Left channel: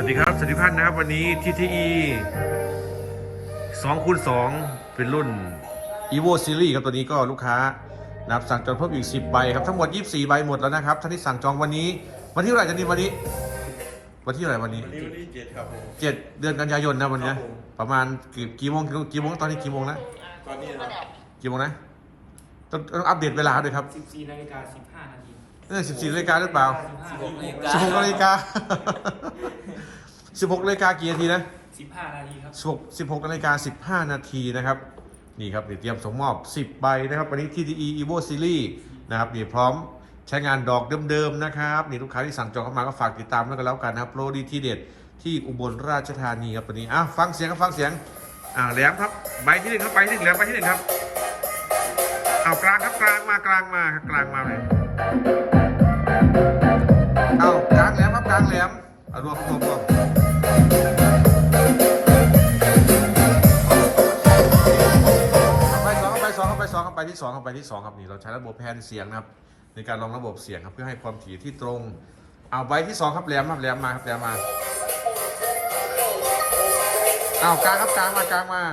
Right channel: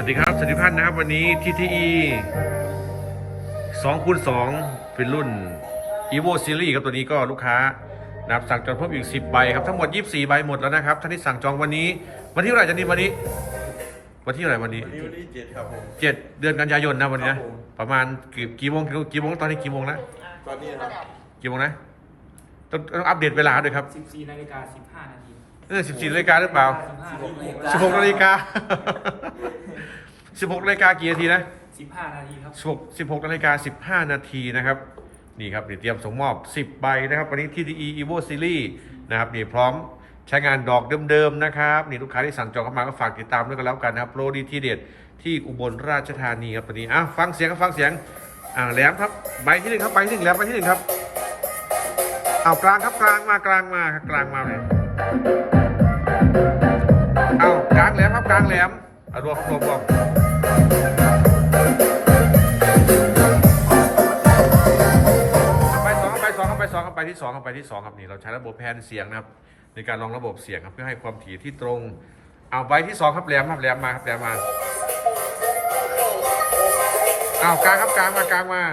วัสดีครับสวัสดีพันนะครับ วันนี้ TTE 2คูณ2เป็นรุ่น evo series ครับตัวนี้ก็ลูกค้านะครับสั่งจองเพิ่มอีก 10 ใบครับ ทั้งหมด 24 ใบหมดแล้วนะครับท่านที่สั่งจองวันนี้ วันที่เท่าไหร่จะนี่วันนี้ วันที่เท่าไหร่วันนี้วันนี้วันที่เจ็ดครับผมเจ็ดเดือนกันยายนนะวันนี้ครันะบผมประมาณกี่กี่โมงกี่กี่โมงตอนนี้กี่โมงนะตอนนี้นะครับกี่โมงนะต้องต้องอัปเดตเวลาด้วยครับ 14นาฬิกา15นาที เออ14นาฬิกาหรือเปล่า15 16นาฬิกา16นาฬิกากี่นาทีนะ15นาทีครับ16 16นาฬิกา15นาทีนะครับ นี่ครับเดี๋ยวเตรียมส่งมอบ10ใบนะครับวันนี้ TTE Evo Series นะครับนี่พร้อมใช้งานดอกเดิมๆนะครับนี่ลูกค้าที่สั่งจองเข้ามาก็ฝากติดตามด้วยกันแล้วกันนะครับโปรดีทีเด็ดที่อุบลราชธานีครับวันนี้อะฟังเสียงครับฟังเสียงอ่าแหลมครับใบที่หนึ่งครับใบที่หนึ่งแหลมใบที่หนึ่งครับเอากลางครับกลางมากลางมาครับกลางมาเลย เอากลางแหลมครับกลางแหลมรวมรวมรวมไปสองไปสองไปสองไปที่สองไปที่สองครับนี่เราใช้ระบบแพนเสียงนะครับในการรองระบบเสียงครับเพื่อให้ความถี่ที่ตรง เอาใบที่สองครับแหลมครับแหลมมาครับแหลมมาเอากลางครับกลางมากลางมา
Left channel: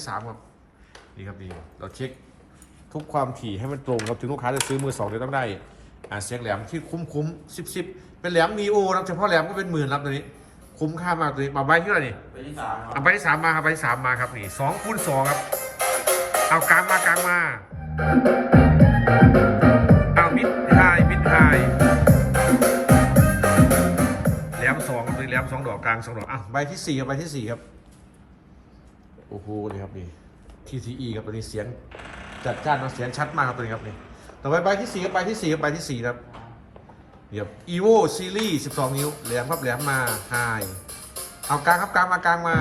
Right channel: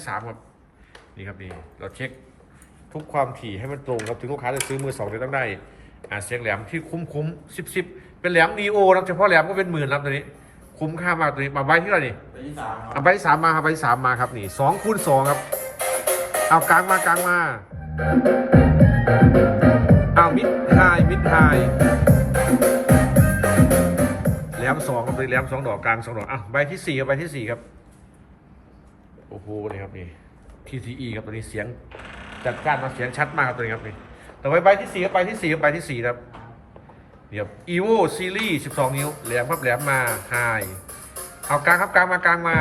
ที่สามครับนี่ครับนี่เราเช็คทุกความถี่ให้มันตรงครับถึงลูกค้าจะซื้อมือสองเดี๋ยวต้องได้อ่าเสียงแหลมที่คุ้มคุ้มสิบสิบเป็นแหลมมีโอนะเฉพาะแหลมก็เป็นหมื่นครับตัวนี้ คุ้มค่ามากตัวนี้มาใบที่เท่าไหร่นี่วันที่สามครับเอาใบที่สามมาครับใบที่สามมาครับนี่สองคูณสองครับ เอากลางมากลางมาเอามิดไฮมิดไฮแหลมสองครับตัวนี้แหลมสองดอกกลางสองดอกอะใบที่สี่ครับใบที่สี่ครับ โอ้โหนี่ครับนี่ TCE ครับตัวนี้เสียงจัดจ้านนะเสียงชัดมากครับตัวนี้ครับนี่ต่อไปใบที่สี่ครับใบที่สี่ครับใบที่สี่ครับเดี๋ยว evo series 12 นิ้วแหลมครับแหลมมาไฮเอากลางครับกลางมากลางมา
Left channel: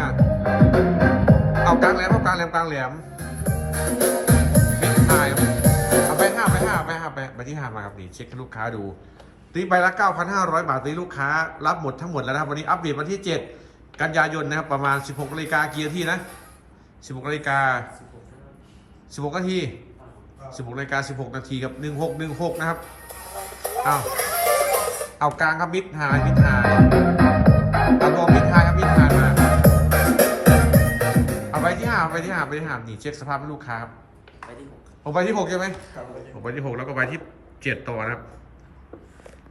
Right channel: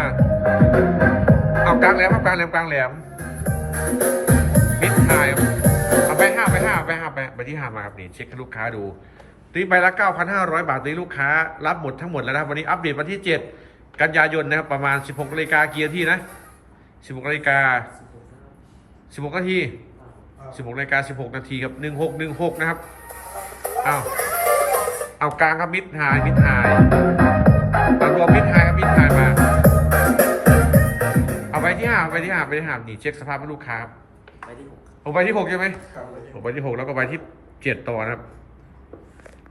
เอากลางแหลมครับกลางแหลมกลางแหลมมิดไฮเอาไปห้าไปห้าไปห้าไปไปที่ห้ามาครับนี่เช็คให้ลูกค้าดูตีใบละ9,500 บาทตีลูกค้า รับหมดทั้งหมดแล้วนะวันนี้อัปเดตวันที่ 7 กันยายนนะครับประมาณ 16นาฬิกาเกี่นาทีนะ 16นาฬิกา16นาที16นาฬิกา16นาทีครับ1616นะครับเอาเอากลางครับมิดไฮมิดไฮเอารวมมิดไฮครับมิดไฮมาเอาไปที่ห้าเอาไปที่ห้าไปที่ห้านี่เช็คสภาพให้ลูกค้าครับไปที่6ครับผมไปที่หกใช่ไหมครับวันที่ผมไปที่หกแล้วก็ไปที่เจ็ดต่อนะครับ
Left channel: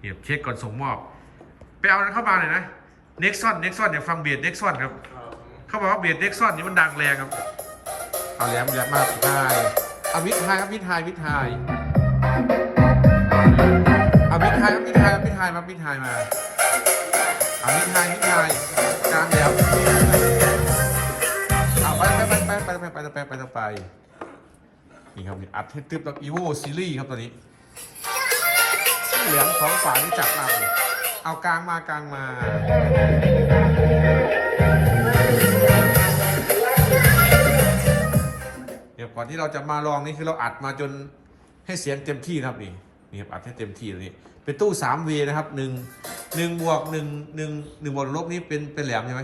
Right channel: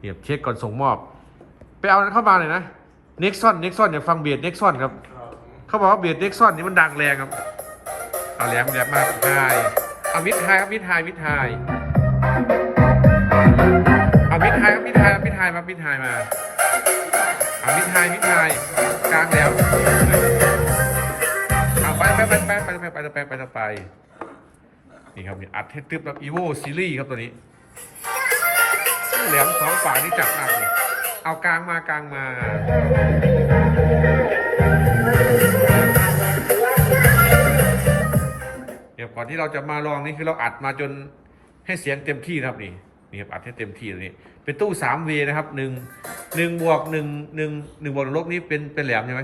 เนี่ยเช็คก่อนส่งมอบ ไปเอานั้นเข้ามาเลยนะเน็กซอนเน็กซอนอยากฟังเบียดเน็กซอนครับครับ เขาบอกว่าเบียดเน็กซ่อนนี่มันดังแรงครับเอาแหลมแหลมมากไฮเอามิดไฮครับมิดไฮมิดไฮเอามิดไฮครับมิดไฮมิดไฮมามิดไฮมาเอามิดไฮมิดไฮกลางแหลมเอาไปไปไปไปไปไปไปไปไปไปไปนี่ครับนี่อัดให้ตึ๊บแบบอีโวซีรีส์ครับตัวนี้แหลมสองฝานี่จับมากเลยเอากลางมากลางมา เดี๋ยวก่อนที่เราจะมาลองนี่คือเราอัดมาจนให้เสียงเต็มที่นะครับนี่นี่ครับอัดให้เต็มที่เลยนี่เป็นตู้สามเวนะครับหนึ่งหนึ่งบวกหนึ่งหนึ่งหนึ่งบวกลบนี่เป็นเป็นแหลมใช่ไหม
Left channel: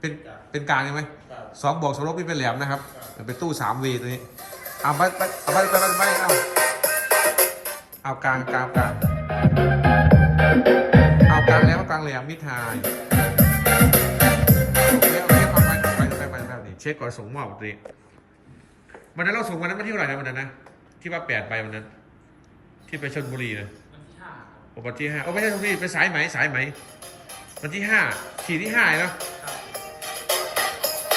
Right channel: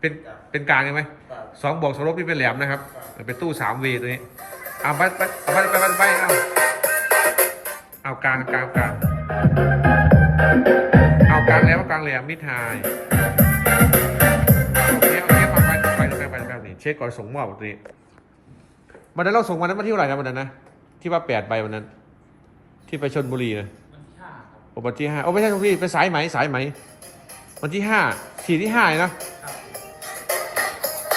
เป็นเป็นกลางใช่ไหมสองบวกสองลบนี่เป็นแหลมนะครับเป็นตู้สามเวตัวนี้เอาไปไปไปไปไปไปเอาเอากลางกลางกลางเอากลางแล้วกลางแหลมมิดไฮ เช็คก่อนส่งมอบตัวนี้วันนั้นเราส่งวันนั้นมาที่เท่าไหร่นะวันนั้นนะที่ว่าแปดใบวันนั้น ที่ไปชนบุรีนะวันที่5ครับโอ้วันที่ห้าโอ้ไม่ใช่ชนบุรีไปสายไหมสายไหมวันที่ห้าสี่ที่ห้าเลยเนอะ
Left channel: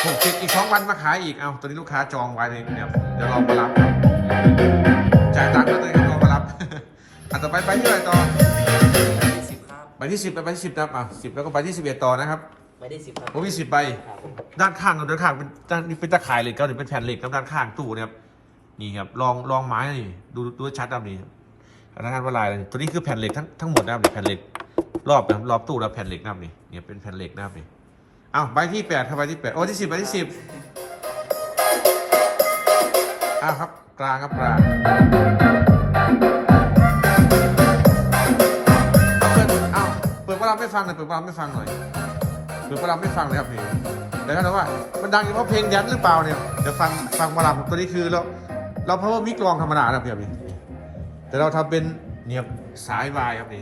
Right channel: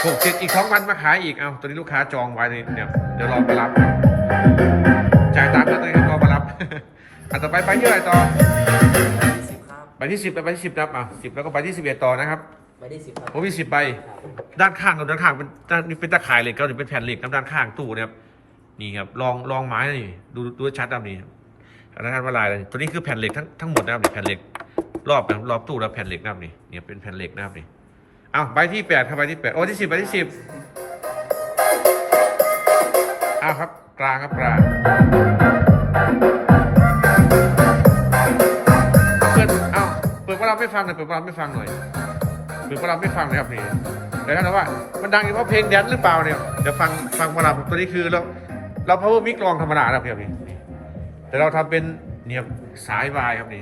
หกเจ็ดอีกสองวันมาขายอีกเอาตอนนี้ลูกค้าจองไว้เลยเดี๋ยวเดี๋ยวรอมารับจ่ายตังค์แล้วตอนนี้รอมารับอะต่อไปไปที่อะไรต่อไปที่10ครับไปที่สิบไปที่สิบนะครับอะสิบแล้วก็ไปที่สิบเอ็ดต่อนะครับ ไปที่10ครับโอ้มีสิบใบ ครับด้านข้างกับด้านข้างเป็นด้านนี่เป็นตะข่ายเหล็กก็หรือเป็นแผ่นเหล็กครับด้านข้างตู้เนี่ยครับนี่ครับลองลองไม้นี่ดูดูชัดครับนี่ด้านข้างว่าลายอะไรตัวนี้คือแผ่นเหล็กทั้งทั้งหมดนะครับนี่แผ่นเหล็ก รอบนะครับรอบตู้แล้วแผ่นเหล็กนะครับนี่เนี่ยเป็นแผ่นเหล็กนะครับนี่เอาใบที่แปดครับใบที่แปดโอ้ที่สิบใบที่สิบเอาครับกลางครับกลางเปิดเอาเปิดว่าเราไม่ฟังหน่อยเปิดว่าเราไม่ฟังหน่อย หรือว่าเราไม่ฟังเลยครับเพลงเดี๋ยวกันะว่ามันดังอยู่เพราะเพลงแดนหรือเปล่าเนี่ยเดี๋ยวฟังฟังมาลามตัวนี้คือเราเรา power mic ลองธรรมดานะครับพี่ครับนี่แต่เราทำเป็นเนี่ยสายวายครับนี่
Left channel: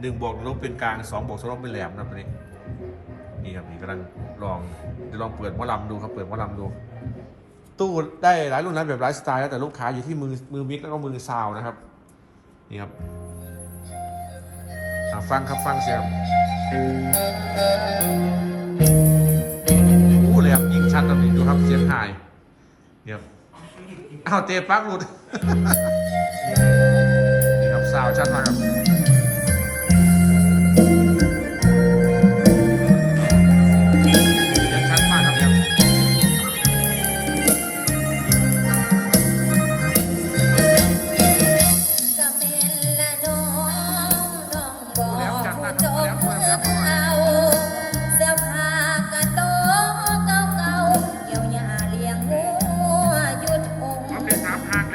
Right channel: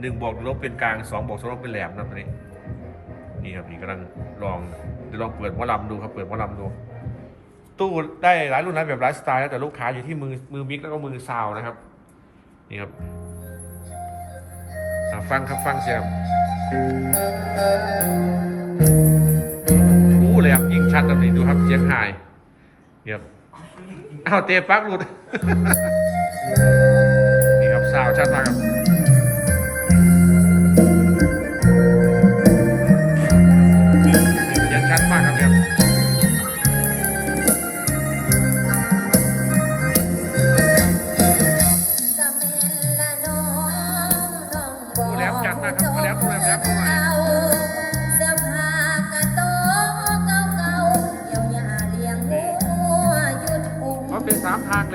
หนึ่งบวกลบเป็นกลางสองบวกสองลบเป็นแหลมนะครับตัวนี้นี่ครับนี่กำลังลองเดี๋ยวลองเปิดหมอลำดูครับเปิดหมอลำดู ตู้ได้หลายรุ่นนะแบบหลายสไตล์แล้วแต่ลูกค้าอยู่ที่มือมือมิกแล้วก็มือซาวนะครับนี่ครับ ฟังครับฟังเสียงโอ้เลยครับยิ่งชัดตอนนี้ดูครับเสียงหายนี่ครับอ้าวเตะปักหลุดนี่ครับสาวชัดมากครับ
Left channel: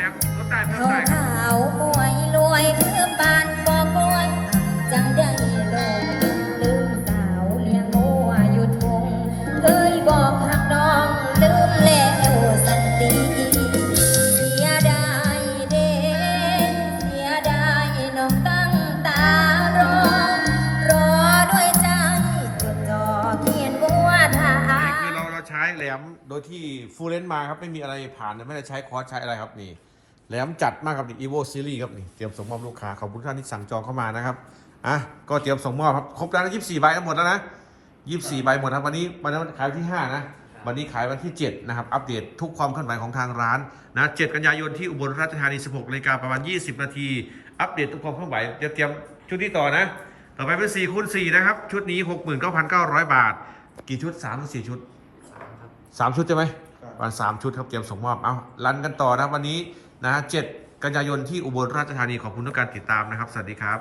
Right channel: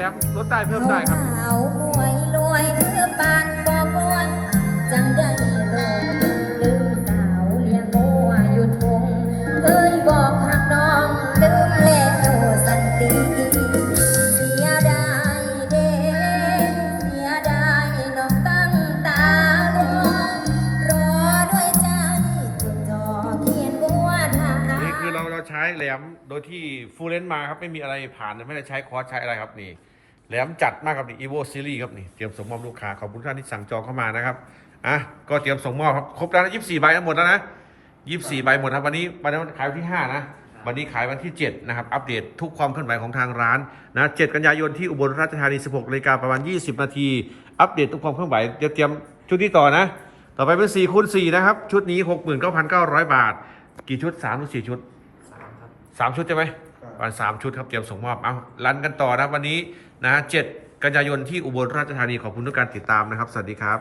สามทางแหลมลดได้เพิ่มเขาได้ครับขาวมวยรวยคือปานบอกรวย จังได้ลงลืมสาวเลี้ยงหัวหยุดองค์เคยบอกหักน้องลืมแล้วสันติเสียดายเด้เสียดายน้องตั้งตารอ รอด้วยใจจดจ่อเขียนบัวทา นี่คือเราเราใช้แหลมโดยที่ฟูลเลนมาครับไม่มีอะไรผ่านไม่ได้ใช้คอร์สใช้อะไรครับนี่ แหลมจัดมากครับนี่ evo series ครับนี่เตรียมส่งมอบลูกค้าขอบคุณท่านที่สั่งจองเข้ามานะครับอะก็เตรียมส่งมอบครับครบแล้วนะ24ใบทั้งหมดแล้วนะ24ใบหมดครับวันนี้วันนี้ขายวันที่5นะวันนี้ขายวันที่ 7 นะครับ อัปเดตทุกความเคลื่อนไหวของทางร้านนะ7กันยายนที่อุบลราชธานี 16นาฬิกาประมาณ 20 นาที อัปเดตทุกความเคลื่อนไหวจะเตรียมชุดนี้ต่อนะ ต่อไปเป็น4คูณ4นะครับ ชุดนี้ 69,900 บาท กี่ชุด3หรือ4ชุดสามชุดใช่ไหมวันสามชุดครับ เตรียมส่งมอบ เอารันกันต่อนะวันนี้ นะเจ็ดกันยายนที่อุบลราชธานีขอบคุณทุกการติดตามนะครับ สวัสดีครับ